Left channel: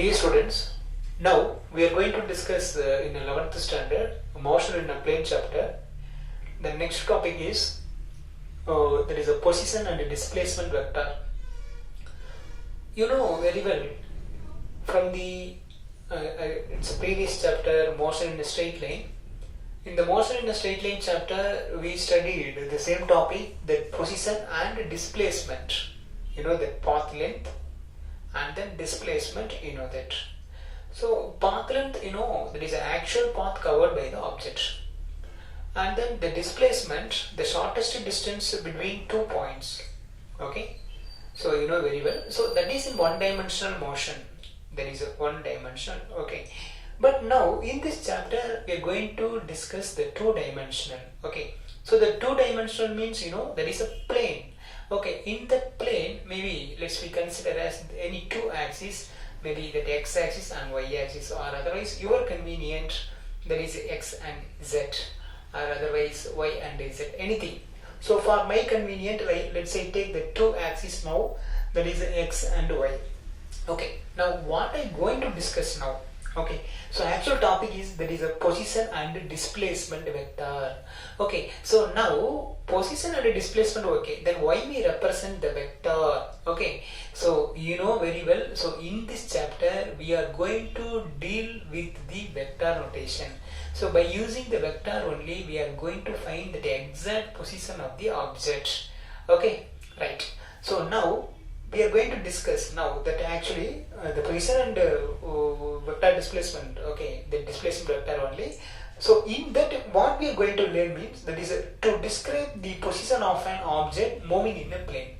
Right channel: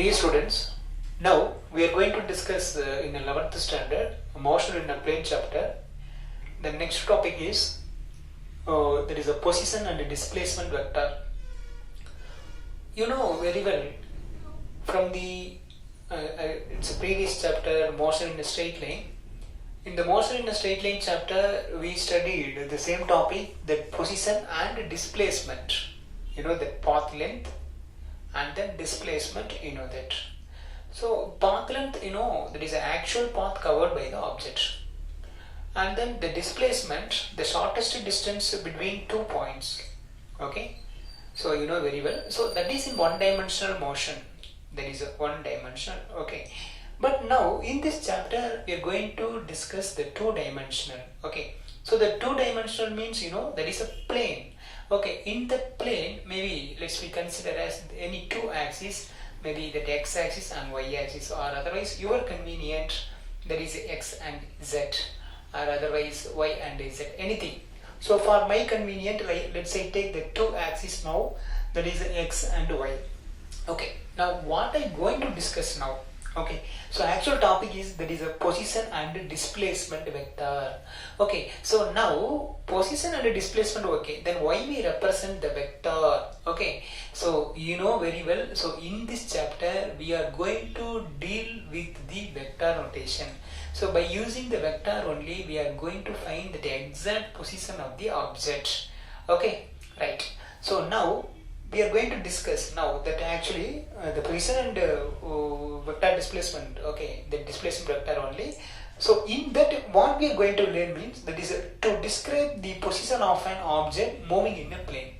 Dear students, now we are going to discuss in 11th standard motion in a plane chapter. The next topic is there is a position and a displacement vector. You know very well from the it's a previous chapter, motion in a straight line. In the motion in a straight line chapter, we studied the same topic, that position and displacement. You know, the path length and then displacement, you know that. So path length, you know, that is the actual path covered by the object. And then the displacement, the shortest distance between 2 points. Okay, so you know very well. So that is in one-dimensional motion. There is a one-dimensional. Okay, but now in this chapter we are going to discuss the two-dimensional. Okay, so the two-dimensional means, you know, there is a plane. Okay, in the plane, maybe let's we consider as any two axes, maybe the x-axis and y-axis, or otherwise your convenient, there is x and z, or otherwise y and z, anything. So for my convenient, let's say take the two axes now, that is x and y. Okay, now what I'm going to discuss now. Okay, so actual topic is that is a position and displacement vector. Okay, so now position and displacement. Okay, then why we represent the vector? Okay, so you know very well. So in this chapter we are going to deal with the vector notation. So by using the vector only, we are going to find the exact position of the object. Okay, right. So now we are going to discuss now that actually the position and vector displacement. Okay, the displacement vector only. So in that, what we are going to learn means that is to describe the position of an object moving in a plane.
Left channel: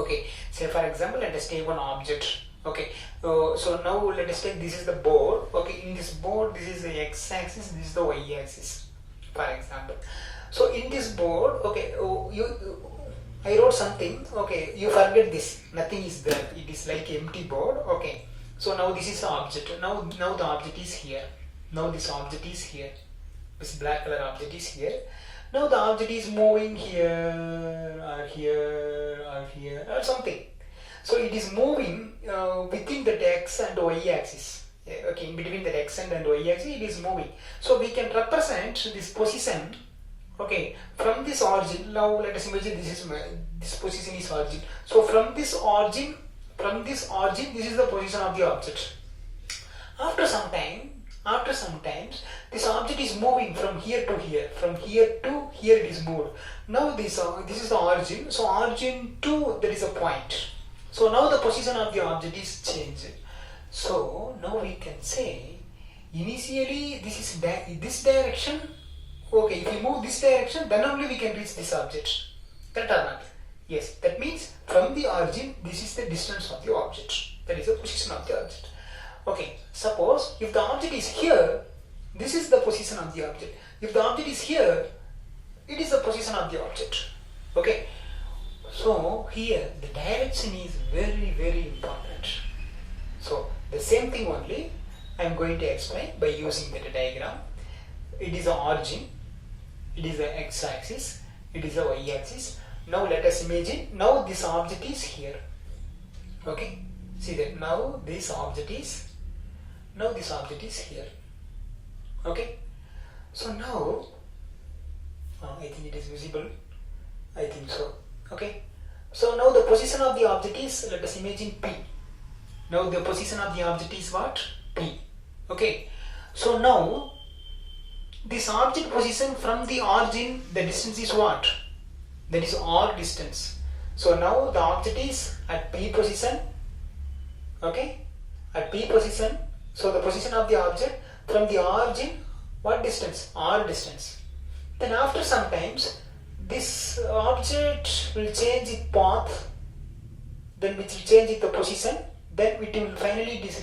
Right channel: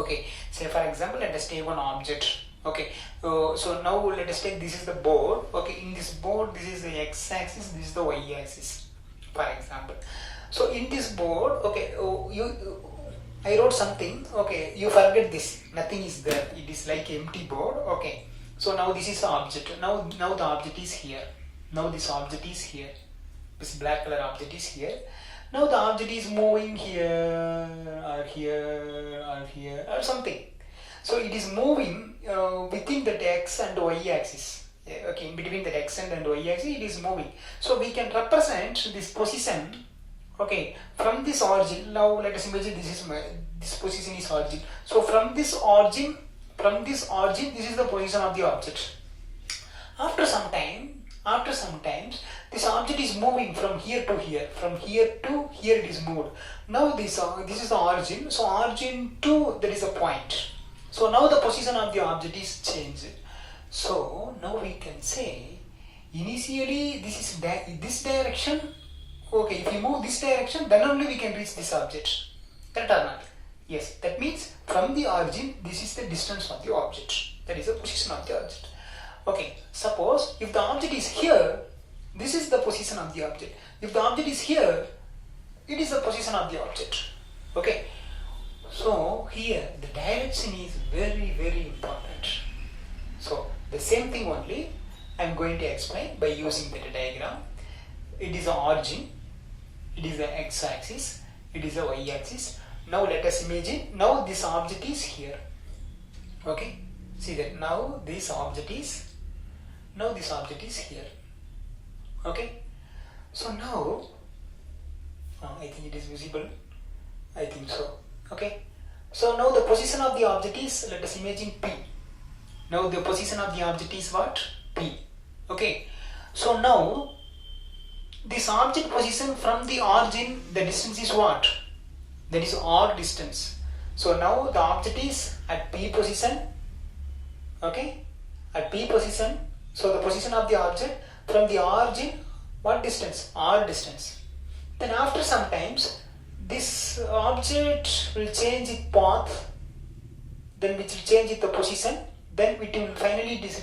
Okay, say for example, let us take one object. Okay, so now let us take, this is the board. Okay, in this board, this is the x-axis, this is the y-axis, for example. So in this board, okay, I wrote something. Okay, you forget this, nothing is there, it is like empty board. Okay, so now this is the object. Now the object is here. Now this object is here. This black color object is here. Now the object is moving here or here or here or something. So it is moving within the x and y axis. Okay, in between the x and y axis it is moving. So we can represent this position. Okay, from this origin. Now let us imagine this position is origin. So from this origin, this is the position of the object. After some time, this object is moving from here to here. From here to here it is moved. Now this is the origin. So origin to, there is a point. So now the position of the object is changed. So now we can say initially this is this direction. Okay, if we move this direction, then only we can reach this object. That or not? Yes, that means from the origin, this is the distance of the object. That is the position of the object. Okay, suppose if the object is here, this is the position of the object. If the object is here, it is the position of the object. Okay, so here the direction is very, very important. So the same thing only I am going to explain by using the diagram. It is the origin, it is the x-axis, it is the y-axis. Now let us imagine, now this object is here. Okay, see that now this object is here. Okay, so now I think it is visible. I think so. Okay, so now the position of the object is, let us imagine P. Now the position of the object is what? P. Okay, so now this object position from the origin, the distance is what? That is R distance. So now the object is at P position. Okay, at P position. So the position of the object from the origin, what distance? R distance. Then after some times, this object will change its path, then which will change its position, then it will finally it is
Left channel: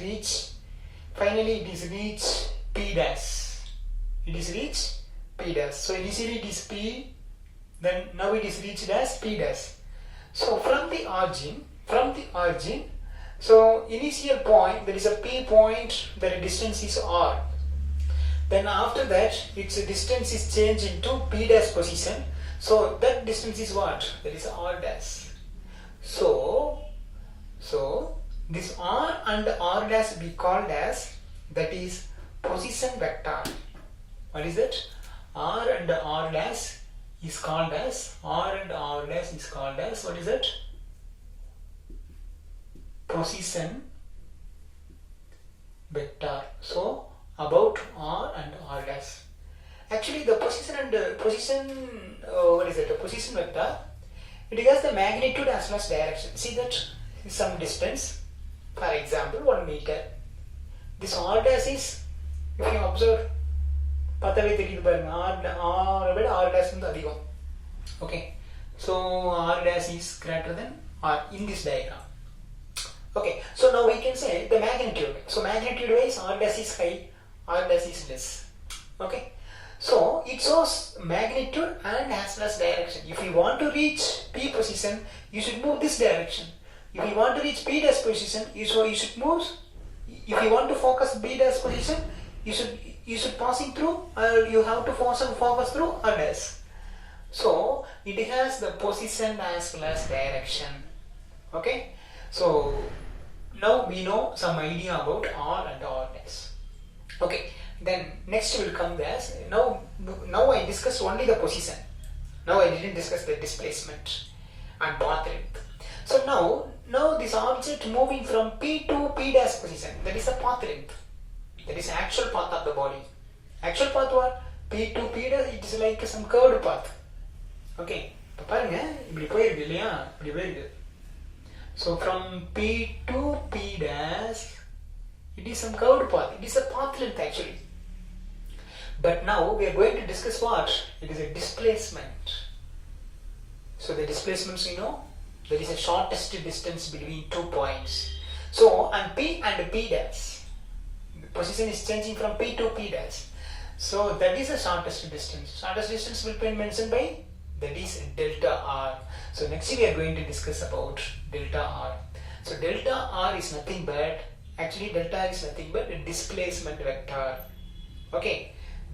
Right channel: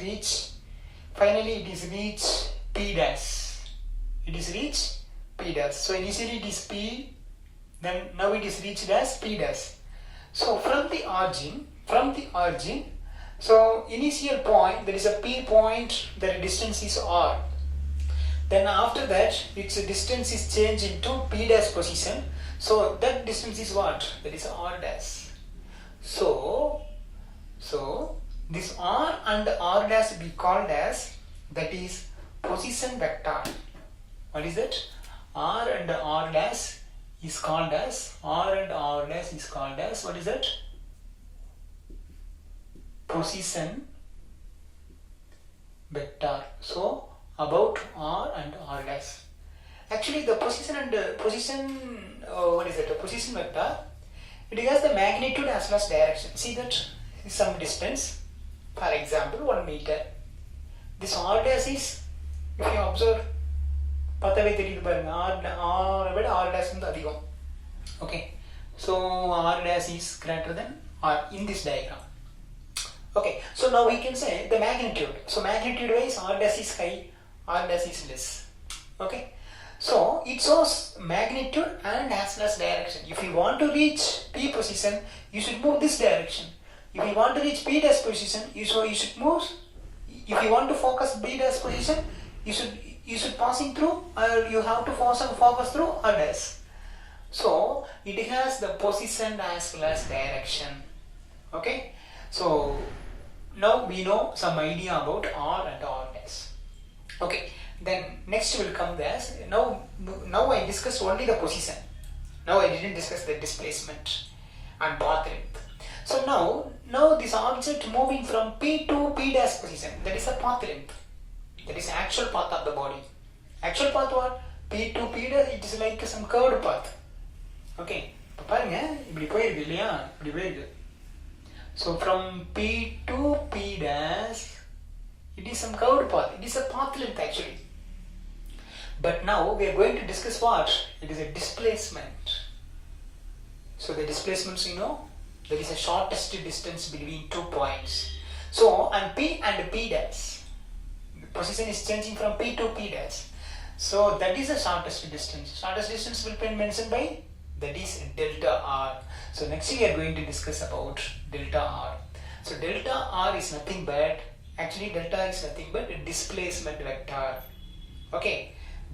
reach P dash. It is reach P dash. So initially it is P, then now it is reached as P dash. So from the origin, so initial point, there is a P point, the distance is R. Then after that, its distance is changed into P dash position. So that distance is what? That is R dash. So this r and r dash be called as, that is position vector. What is it? R and r dash is called as, r and r dash is called as, what is it? Position vector. So about r and r dash. Actually the position and what is it? The position vector, it has the magnitude as well as direction. See that some distance, for example 1 meter. This r dash is, if you observe, பார்த்தாவே தெரியுது பாருங்க, r விட r dash வந்து அதிகம். Okay, so r dash is greater than r in this diagram. Okay, so now we can say the magnitude. So magnitude wise r dash is high, r dash is less. Okay, so it shows magnitude and as well as direction. If you want to reach P position, you should move this direction. If you want to reach P dash position, you should move. If you want to focus B dash position, you should passing through, or you have to focus through R dash. So it has the position as well as direction. Okay, so now we know some idea about R and R dash. Okay, then next will come as, now I discussed only the position. Now I didn't discuss the displacement and path length. So now this object moving from P to P dash position, that is a path length. That is actual path of the body. Actual path what? P to P dash, it is like some curved path. Okay, பாருங்க இப்படி போயிருக்கு இல்லையா, இப்படி போயிருக்கு. So from P to P dash, it is some curved path. It is a path length actually. But now we are going to discuss what? It is a displacement. So the displacements we know, there is a shortest distance between 2 points. So on P and P dash, the position is changing from P to P dash. So that is the shortest distance. Shortest distance will be mentioned by, that is delta r. So next we are going to discuss about delta r. So delta r is nothing but, actually delta r is nothing but a displacement vector. Okay,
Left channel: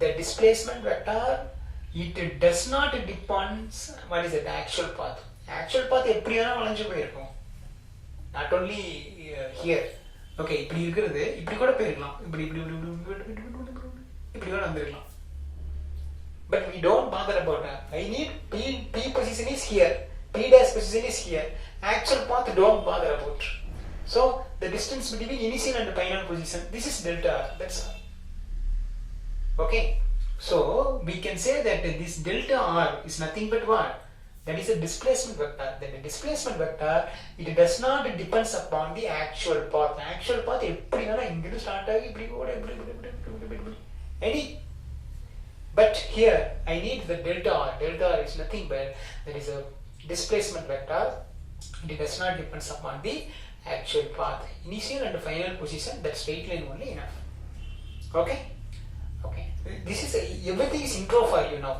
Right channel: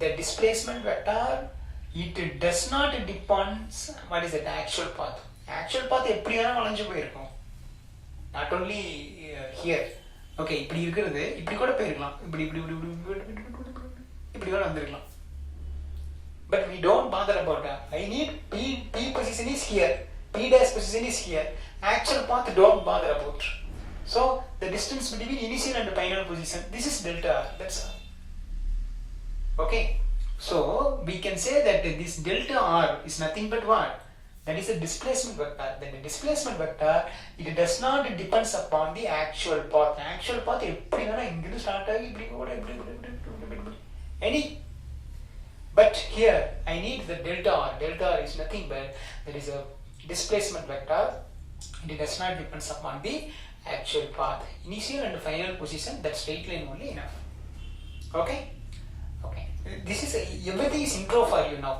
the displacement vector, it does not depends what is the actual path. Actual path எப்படி வேணா வளைஞ்சு போயிருக்கும். Not only here. Okay, இப்படி இருக்கிறது இப்படி கூட போயிருக்கலாம், இப்படி இப்படி இப்படி கூட வந்திருக்கலாம். But we don't bother about that. I need P position is here, P dash position is here. Actual path don't bother about. So the distance between initial and final position, this is delta r. That's all. Okay, so we can say that this delta r is nothing but what? That is a displacement vector. Then the displacement vector, it does not depends upon the actual path. Actual path எப்படி வேணா இங்கிருந்து start ஆகி இப்படி கூட இப்படி any. But here I need the delta r. Delta r is nothing but there is a displacement vector. It does not depends upon the actual path. Initial and final position, that straight line only enough. Okay. Okay. This is everything is intro for you now,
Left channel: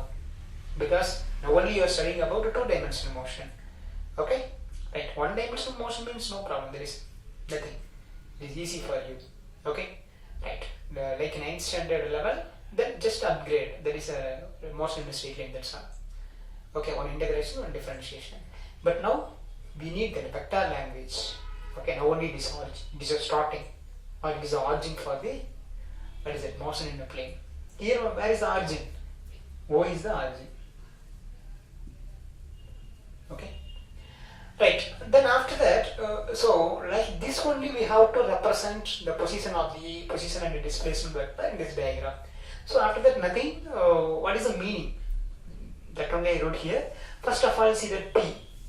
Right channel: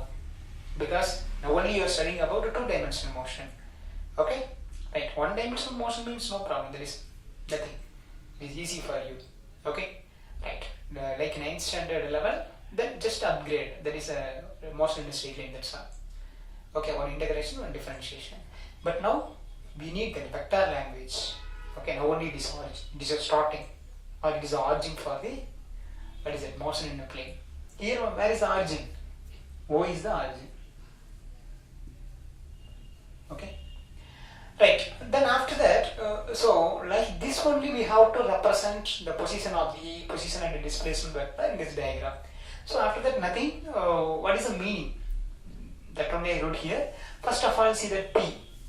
because now only you are studying about a 2-dimensional motion. Okay. Right. 1-dimensional motion means no problem. There is nothing. It is easy for you. Okay. Right. Like 9th standard level, then just upgrade. There is a motion in a straight line, that's all. Okay, one integration, one differentiation. But now we need the vector language. Okay, now only this is a starting, or it is the origin for the, what is it, motion in the plane. Here, where is the origin? O is the origin. Okay. Right. Then after that, so like this only we have to represent the position of the position and the displacement vector in this diagram. So after that nothing. What is the meaning? That only I wrote here. First of all, see that P.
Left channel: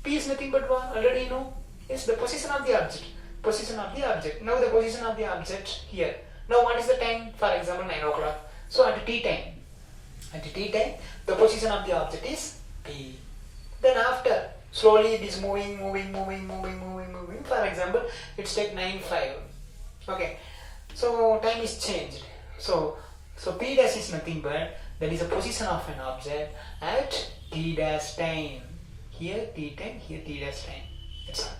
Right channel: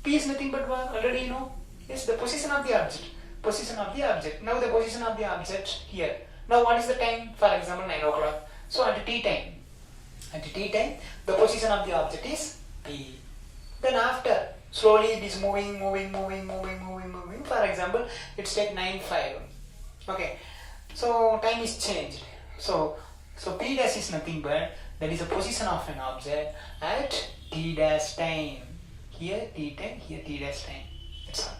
P is nothing but what? Already you know. Yes, the position of the object. Position of the object. Now the position of the object here. Now what is the time? For example, 9 o'clock. So at T time. At T time, the position of the object is P. Then after, slowly it is moving. For example, it's like 9:05. Okay. So time is changed. So P dash is nothing but that is a position of an object at T dash time. Here T time, here T dash time. That's all.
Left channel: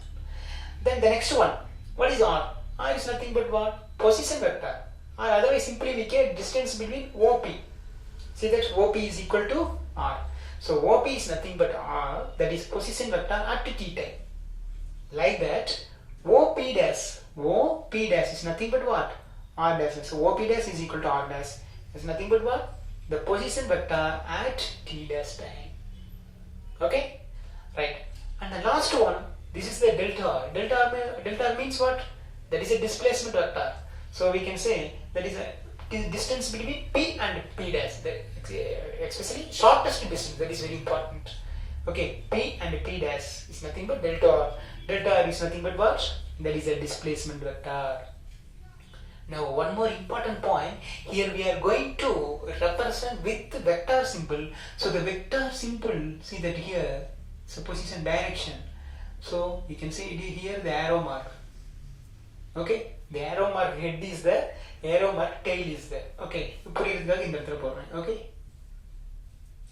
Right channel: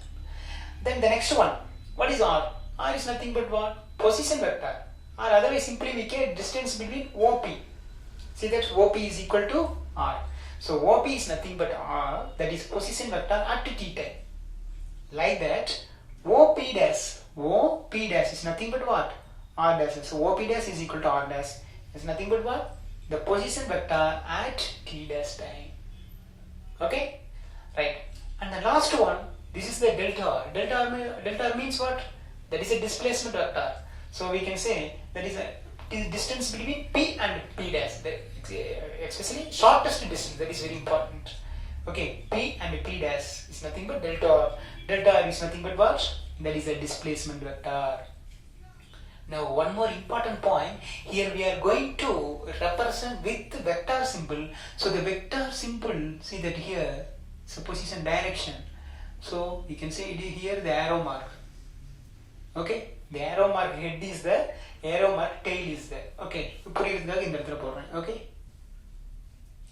Then the next one, what is R? R is nothing but what? Position vector. Or otherwise simply we get distance between OP. See that OP is equal to R. So OP is nothing but R, that is position vector at T time. Like that, OP dash, OP dash is nothing but what? R dash. So OP dash is equal to R dash. It's nothing but what? The position vector at t dash time. Okay? Right. And the last one, this is the delta R. Delta R means what? That is a displacement vector. So we can say that is a distance between P and P dash. Especially shortest distance. That is very important. Okay, P and P dash is nothing but delta R. Delta R is nothing but what? That is a displacement vector. Now one more important point, here we are going to represent with vector symbol. So the vector symbol, see that here, so position direction. So you can see it here the arrow mark. Okay, the arrow mark head is there, arrow mark tail is there. Okay, okay.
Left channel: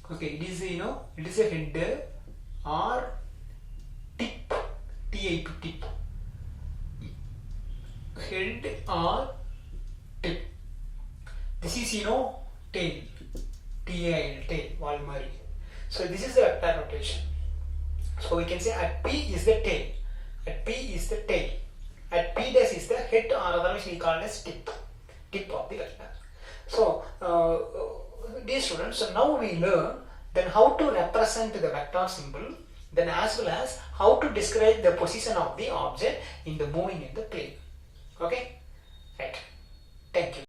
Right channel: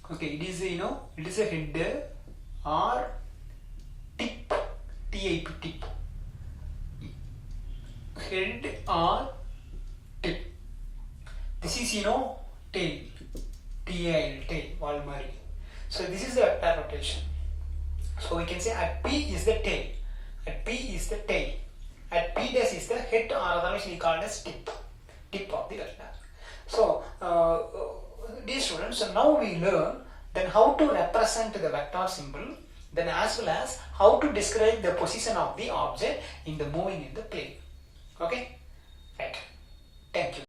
Okay, it is it is a head or tip, tip, tip. Head or tip. This is tail, tail, Walmart. So this is the vector notation. So we can say at P is the tail, at P is the tail, at P dash is the head, or otherwise we call it as tip of the vector. So dear students, so now we learn then how to represent the vector symbol, then as well as how to describe the position of the object in the moving in the plane. Okay, right. Thank you.